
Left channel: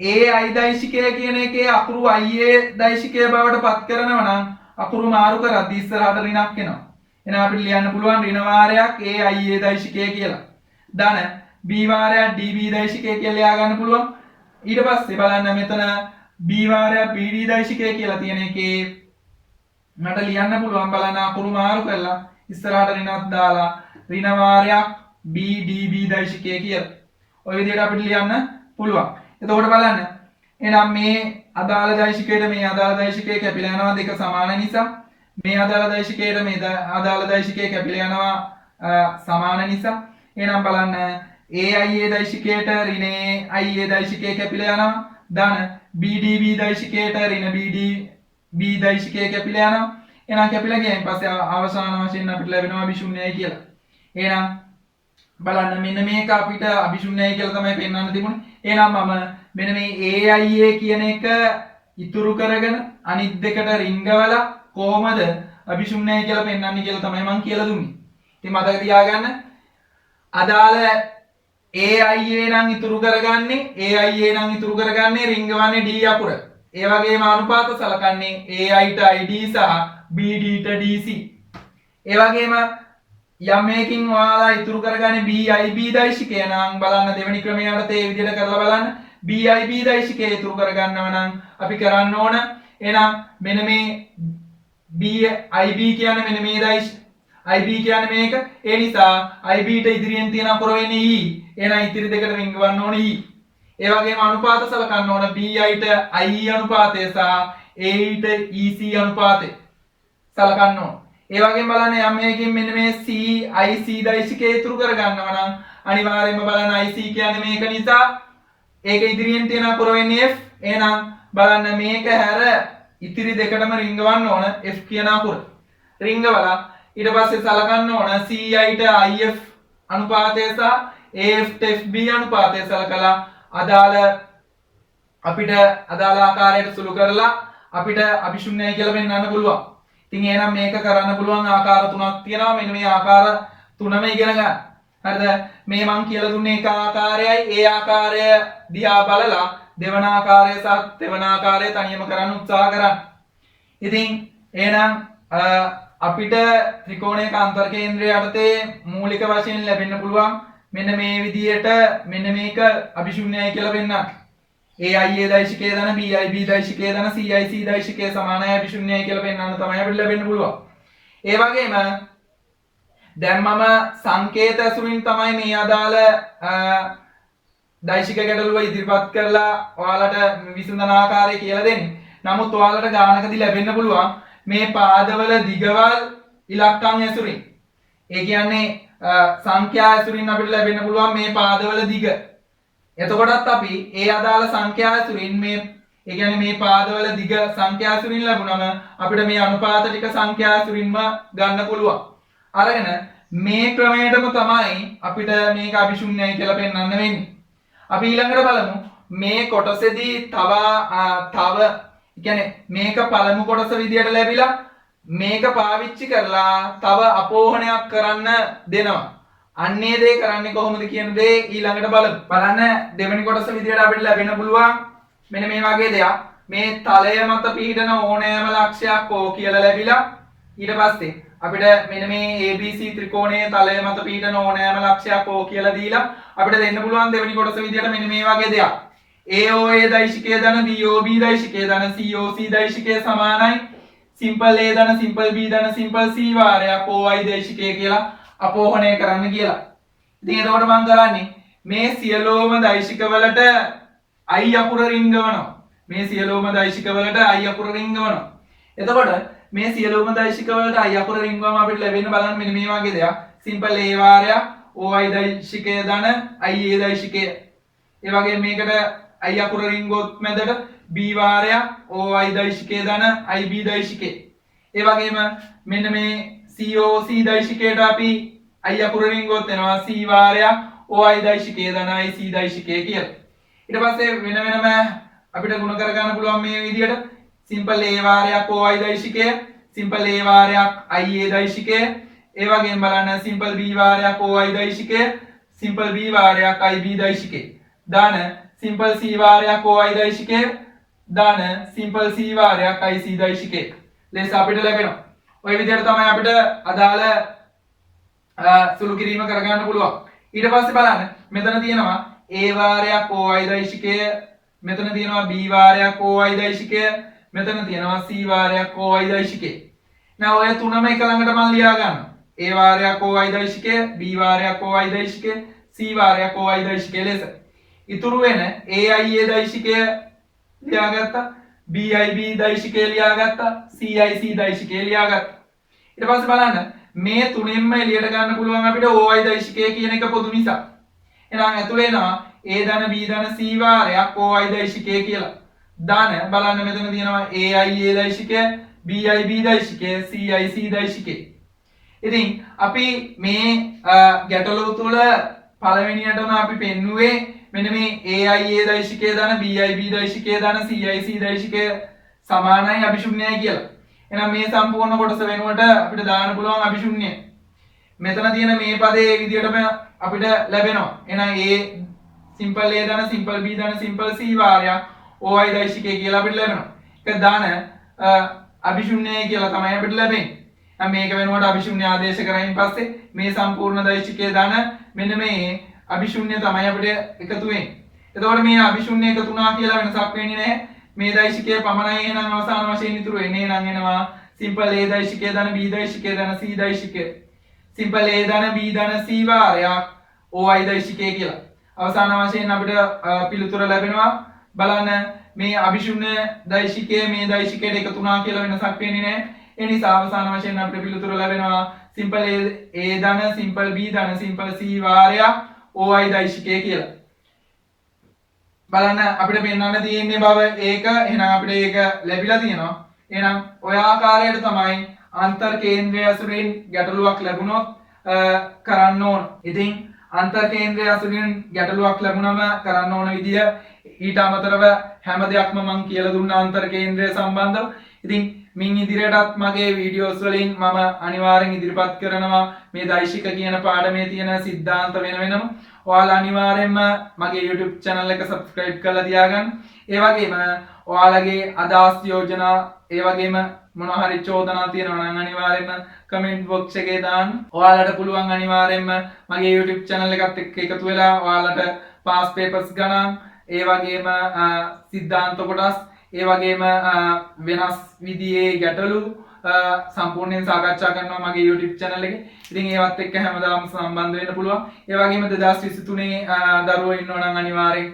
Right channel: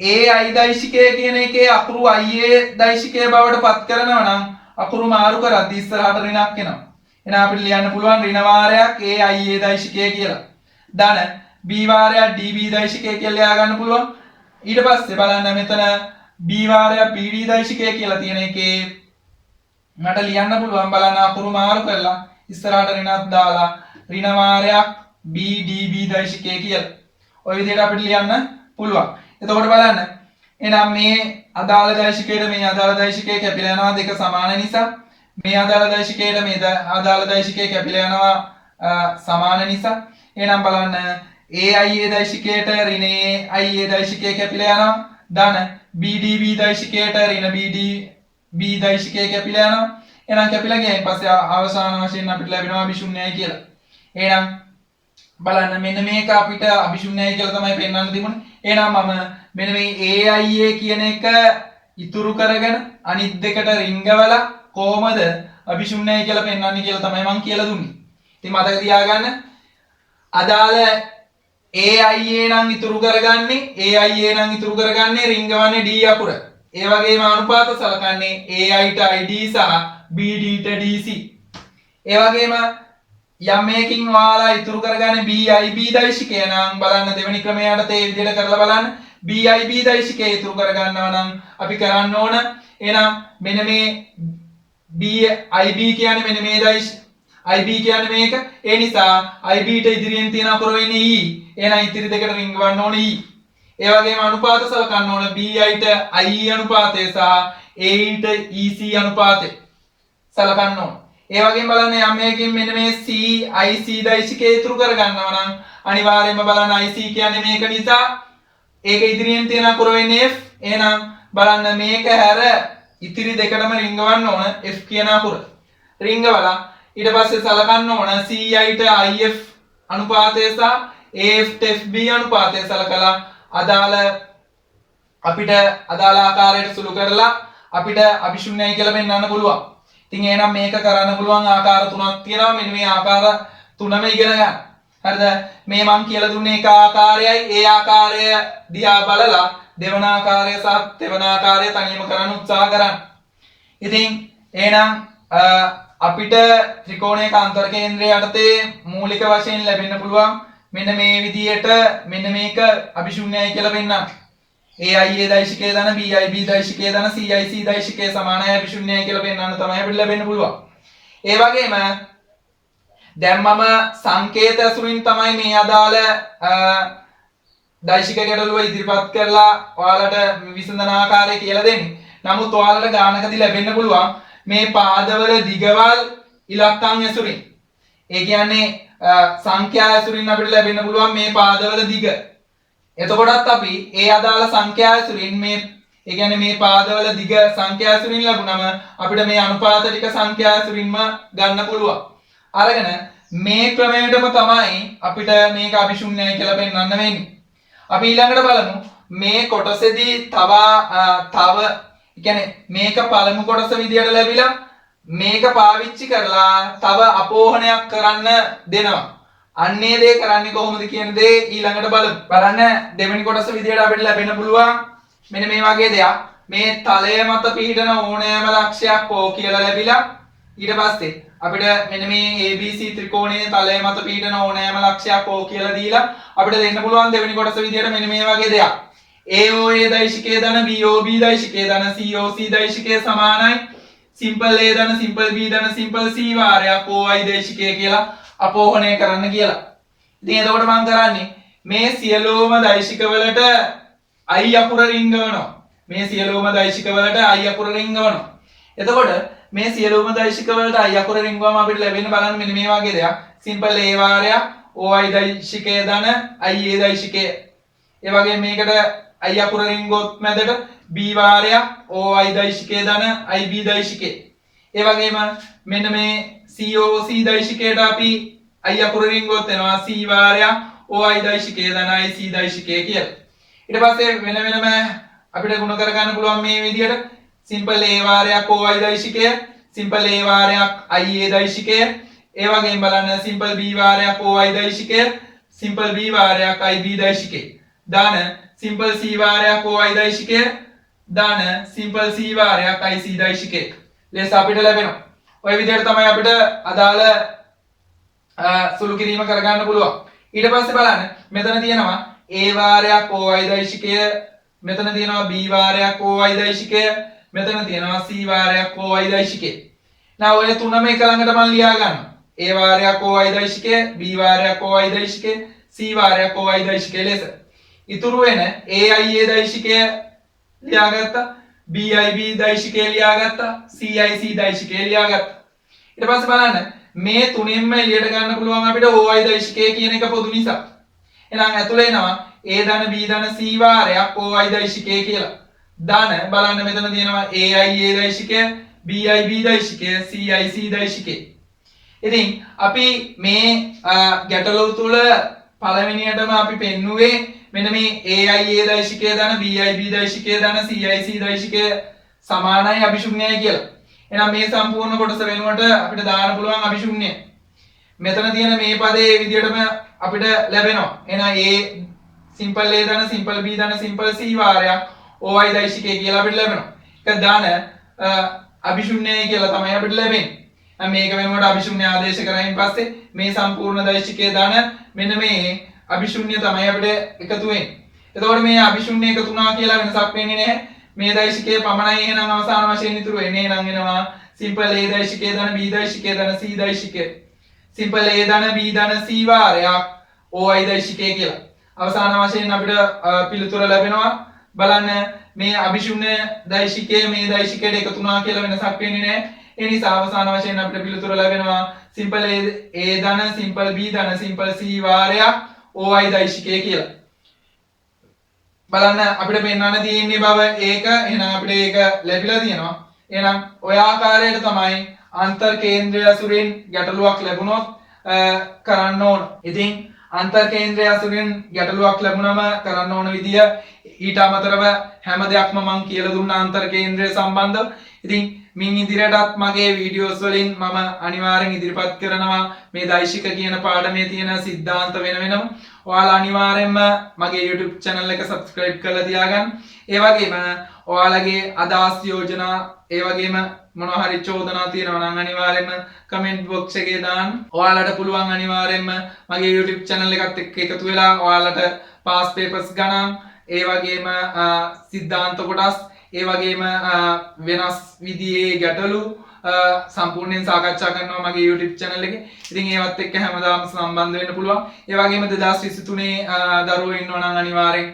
AI දෛශිකය කියන එකේ අකුරු IA දෛශිකය බවට පත් කරනවා නම් අකුරු මාරු කරද්දී ඉස්සරහට ඍණක් එනවා. එහෙනම් අපිට ලියන්න පුළුවන් ඍණ වාරයක් AI දෛශිකය කියලා. ධන B වාරයක් DB දෛශිකය කියලා ලියා ගන්න පුළුවන්. ඊට පස්සේ බලන්න මෙතන B වාරයක් BD දෛශිකය කියලා තියෙන එකේ මට ලියන්න පුළුවන් බලන්න අකුරු මාරු කරලා ඉස්සරහට ඍණක් දාලා ඍණ වාරයක් BDB දෛශිකය කියලා. ඔය විදිහට අපිට ලියන්න පුළුවන්. එතකොට බලන්න එහෙනම් මේ අදාළ දෛශිකයට මේ අදාළ දෛශිකය කැපිලා යනවා දෙක සමාන නිසා මේ අදාළ දෛශිකයට මේ අදාළ දෛශිකය කැපිලා යනවා සමාන නිසා එහෙනම් බලන්න AIA දෛශිකයට ඍණ IA දෛශිකය කැපිලා යනවා ධන BDB දෛශිකයට ඍණ BDB දෛශිකය කැපිලා යනවා එහෙනම් කැපිලා ගියයින් පස්සේ අවසාන වශයෙන් අපිට ලැබෙනවා අභිශුන්‍යයි කියලා. එහෙනම් බලන්න මෙන්න මේක අපිට අභිශුන්‍යයි කියලා තමයි පෙන්වන්න තිබුණේ. එහෙනම් මම මෙන්න මේ AIA කියන එක ඉතුරු කරගෙන අනිත් දෙකට රිංගවලා කොහොමද අභිශුන්‍යයි කියලා පෙන්වන්නේ කියලා තමයි මම කියලා දුන්නේ. ඉතින් මතක තියාගන්න අදාළ AIA නම් ඉතුරු කරගන්නේ AIA නම් ඉතුරු කරගන්නේ රිංගවන්නේ D අකුර. ඒ වගේම අනුපාත සලකන්නේ AI ට ID සහ BD ට DC. ඒ වගේම යම් මේකින් ඔයාලා ඉතුරු කරගන්නේ BIB දෛශිකය නම් බලන්න දෙවෙනි ක්‍රමයට ඒ විදිහට කරලා බලන්න BIB දෛශිකය ඉතුරු කරගන්නවා නම් අපි කරන්න ඕන එහෙනම් මෙන්න මේ BIB කියන්නේ මෙන්න මේ IB කියන්නේ මේක ඒ නිසා IB ට ඉදිරියෙන් තියෙන අකුර වෙන්නේ E එහෙනම් ඉතිරි දෙකට රිංගවන්න ඕන E ඒ වගේම අනුපාත සලකන්න ඕන BI ට IE අනුපාතය සහ AE ට EC අනුපාතය සලකන්න ඕන ඒ වගේම බලන්න යම් මේකින් මෙන්න මේ CIC දෛශිකය ඉතුරු කරගන්නවා නම් අනිවාර්යයෙන්ම බලන්න IC කියන්නේ මේක නිසා ඒක ඉදිරියෙන් තියෙන අකුර වෙන්නේ F එහෙනම් බලන්න මේක හැර ඉතිරි දෙකටම රිංගවන්න ඕන F කියන අකුර රිංගවලා ඊට පස්සේ සලකන්න ඕන CI ට IF අනුපාතය සහ AF ට FB අනුපාතය සලකලා අදාළ අපිට අදාළ ආකාරයට සුළු කරලා අපිට අභිශුන්‍යයි කියලා පෙන්වන්න පුළුවන්. ඉතින් එහෙනම් මේක කරන්න පුළුවන් ආකාර තුනක් තියෙනවා. මෙන්න මේ ආකාර තුනම ඉගෙන ගන්න. හරිද? මේ මම කියලා දුන්නේ එක ආකාරයයි. ඒ ආකාරය දිහා බලලා දෙවන ආකාරය සහ තෙවන ආකාරය තනියම කරන්න උත්සාහ කරන්න. ඉතින් එහෙනම් අපිට ත්‍රිකෝණයක අන්තර කේන්ද්‍රය යටතේ මූලික වශයෙන් ලැබෙන්න පුළුවන් මෙන්න මේ විදියට මෙන්න මේක අභිශුන්‍යයි කියලා පෙන්නන්න. AIA දෛශිකයේ දන BIB දෛශිකයේ දන CIC දෛශිකයේ සමානයි අභිශුන්‍යයි කියලා පෙන්වන්න තමයි අපිට ලැබෙන්න පුළුවන්. ඒ වගේම දැන් මම සංකේත ඇසුරින් තමයි මේ අදාළ දෛශික ගැටලුව ඉදිරිපත් කරලා ඔයාලට විසඳන ආකාරය කියලා දෙන්නේ. නමුත් ඔයාලට ගානකදී ලැබෙන්න පුළුවන් මේ පාදවල දිගවල් ඉලක්කම් ඇසුරින්. ඒ කියන්නේ සංඛ්‍යා ඇසුරින් අපිට ලැබෙන්න පුළුවන් මේ පාදවල දිග. එතකොටත් අපි ඒ අදාළ සංඛ්‍යා ඇසුරින් මේ ඒ කියන්නේ මේ පාදවල දිග සංඛ්‍යා අසුරින් ලැබුණම අපිට මේ අනුපාත ටික සංඛ්‍යා අසුරින්ම ගන්න පුළුවන්. අරගෙන මේ ක්‍රමයටම තමයි අපිට මේක අභිශුන්‍යයි කියලා පෙන්වන්න වෙන්නේ. අපි ඊළඟට බලමු මේ කොටසේදී තව කියන්නේ මේක පළමු කොටස විදියට ලැබිලා මේක පාවිච්චි කරලා තව අපෝහණයක් කරන්න දෙනවා. අන්නේ දේ කරන්නේ කොහොමද කියන දේ ඊළඟට බලමු. බලන්න දෙවෙනි කොටස විදියට අපිට ලැබෙන්න පුළුවන් මෙන්න මේ වගේ දෙයක්. මේ තලය මත පිහිටන ඕනෑම ලක්ෂයක් O කියලා ලැබිලා ඊට පස්සේ අපිට මෙන්න මේ ABC ත්‍රිකෝණයේ තලය මත පිහිටන ඕනෑම ලක්ෂයක් O කියලා දීලා අපිට දෙන්න පුළුවන් දෙවෙනි කොටස විදියට මෙන්න මේ වගේ දෙයක්. AOA දෛශිකයේ ධන BOB දෛශිකයේ ධන COC දෛශිකයේ සමානයි simple A ධන simple B ධන simple C වාරයක් OI දෛශිකය කියලා අපෝහණය කරන්න කියලා. ඉතින් එතකොට මම කරන්නේ මේ සියලුම දෛශික වලට I අකුර රිංගවනවා. මේ සියලුම දෛශික වලට I අකුර රිංගවනවා. එතකොට මේ සියලුම දෛශික වලට I අකුර රිංගවම අපිට ලැබෙන බලන්න මෙන්න මේ වගේ දෙයක්. simple A වාරයක් OI දෛශිකය ධන IA දෛශිකය. ඒ වගේම මේකට I අකුර රිංගුවොත් මැදට B වාරයක් OI දෛශිකය ධන IB දෛශිකය. ඒ වගේම මෙන්න මේ COC දෛශිකයට අපි I අකුර රිංගුවොත් එනවා C වාරයක් OI දෛශිකය ධන IC දෛශිකය කියලා. ඊට පස්සේ වෙන වෙනම අපිට ගුණ කර ගන්න පුළුවන් මේ විදිහට simple A වාරයක් OI දෛශිකය, simple A වාරයක් IA දෛශිකය, ඒ වගේම බලන්න simple B වාරයක් OI දෛශිකය, simple B වාරයක් IB දෛශිකය. දාන simple C වාරයක් OI දෛශිකය, දාන simple C වාරයක් IC දෛශිකය. ලෙස අපිට ලැබෙනවා. ඔය විදිහට තමයි අපිට අදාළ සුළු කිරීම කරගන්න පුළුවන්. ඊට පස්සේ බලන්න මෙතන තියෙනවා A වාරයක් OI දෛශිකය, මෙතන තියෙනවා B වාරයක් OI දෛශිකය, මෙතන තියෙනවා C වාරයක් OI දෛශිකය. now ඔය තුනම එක ළඟට මම ලියා ගන්නවා. A වාරයක් OI දෛශිකය, B වාරයක් OI දෛශිකය, C වාරයක් OI දෛශිකය ලෙස. ඉතුරු වෙන AIA දෛශිකය ලියාගත්තා, BIB දෛශිකය ලියාගත්තා, CIC දෛශිකය ලියාගත්තා. ඊට පස්සේ බලන්න මේ තුනෙන්ම එළියට ගන්න පුළුවන් අපිට OI දෛශිකය කියන එක පොදු නිසා. එහෙනම් ඇතුළේ එනවා A ධන B ධන C වාරයක් OI දෛශිකය කියලා. ධන බලන්න මෙතන තියෙනවා AIA දෛශිකය, BIB දෛශිකය, CIC දෛශිකය. ඉතින් අපි මේ ගැටලුව තුල පළවෙනියටම අපි පෙන්නුවේ මෙන්න මේ AIA දෛශිකය ධන BIB දෛශිකය ධන CIC දෛශිකය සමානයි අභිශුන්‍යයි කියලා. එහෙනම් මේ සම්පූර්ණ කොටස වෙනුවට අපිට දාන්න පුළුවන් අභිශුන්‍ය. මෙතන තියෙන මේ පදේ මේ විදිහටම අපිට ලැබෙනවා. එහෙනම් A simple A ධන simple B ධන simple C වාරයක් OI දෛශිකය කියලා අපිට ලැබෙනවා. ඒක දාන අභිශුන්‍යයි කියලා තමයි අපිට ලැබෙන්නේ. මේක වෙනුවට අභිශුන්‍ය ආදේශ කරයින් පස්සේ මේ සම්පූර්ණ දෛශිකයේ ධන මෙන්න මේ අභිශුන්‍ය තමයි අපිට එකතු වෙන්නේ. එතකොට මේ අභිශුන්‍ය එකතු වුණා කියලා වෙනසක් වෙන්නේ නැහැ. මේ දෛශිකයේ පමණයි එහෙනම් අවසාන වශයෙන් ඉතුරු වෙන්නේ. එහෙනම් එනවා simple A දෛශිකයේ ධන B දෛශිකයේ ධන C දෛශිකය. simple A ධන B ධන C වාරයක් OI දෛශිකය කියලා. අවසාන වශයෙන් අපිට පිළිතුර ලැබෙනවා. බලන්න මේ අභිශුන්‍ය දෛශිකයේ මේ දෛශිකයට එකතු වුණා කියලා වෙනසක් වෙන්නේ නැහැ. ඒ නිසා අවසාන වශයෙන් අපිට පිළිතුර ලැබෙනවා simple A ධන simple B ධන simple C වාරයක් OI දෛශිකය කියලා. බලන්න අපිට පෙන්වන්න තියෙන්නේ බව ඒක. එහෙනම් අපිට ඒක ලැබිලා තියෙනවා. එහෙනම් ඔය ආකාරයට තමයි අන්තර් කේන්ද්‍රය අසුරින් ගැටලුවක් ලැබුණොත් කරන්න ඕන. ඉතින් අන්තර් කේන්ද්‍රය අසුරින් ගැටලුවක් ලැබුණම කරන්න ඕන විදිය ඊට අමතරව හැම දෙයක්ම මම කියලා දුන්නා අන්තර් කේන්ද්‍රය සම්බන්ධව. ඉතින් මින් ඉදිරියටත් මගේ වීඩියෝස් වලින් මම අනිවාර්යෙන් ඉදිරිපත් කරනවා මේ දෛශික කියන පාඩමේ තියෙන સિદ્ધාන්ත වෙන වෙනම. ඔයාලා අනිවාර්යෙන්ම මගේ YouTube channel එක subscribe කරලා තියාගන්න. ඒ වගේම ඔයාලගේ අදහස් යෝජනා ඒ වගේම මොනවා හරි චෝදනා තියෙනවා නම් අනිවාර්යෙන්ම comment box එකේ දාන්න. ඔයාලට පුළුවන් අනිවාර්යෙන්ම මගේ YouTube channel එකත් එක්ක එකතු වෙලා ඔයාලට past papers ගණන් ඒ වගේම સિદ્ધාන්ත කොටස් ඒ වගේම වෙනස් විදිහේ ගැටලු සම්පූර්ණයෙන් සාකච්ඡා කරනවා මගේ YouTube channel එකේ. ඉතින් ඒවත් එක්ක හැමදාම සම්බන්ධ වෙන්න පුළුවන්. ඒ වගේම 2023 දරුවෝ ඉන්නවා නම් අනිවාර්යෙන්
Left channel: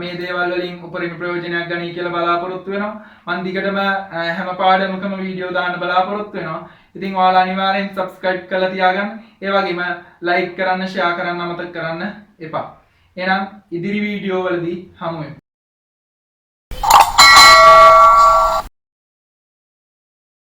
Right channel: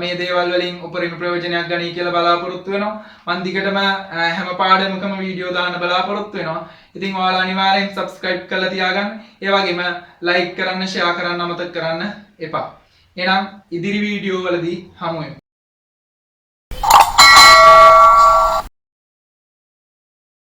මේ දේවල් වලින් උපරිම ප්‍රයෝජනයක් ගනී කියලා බලාපොරොත්තු වෙනවා. මම දිගටම හැම පාඩමකම වීඩියෝ දාන්න බලාපොරොත්තු වෙනවා. ඉතින් ඔයාලා අනිවාර්යෙන් subscribe කරලා තියාගන්න. ඒ වගේම like කරන්න, share කරන්න අමතක කරන්න එපා. එහෙනම් ඉදිරි වීඩියෝ වලදී හමු වෙමු.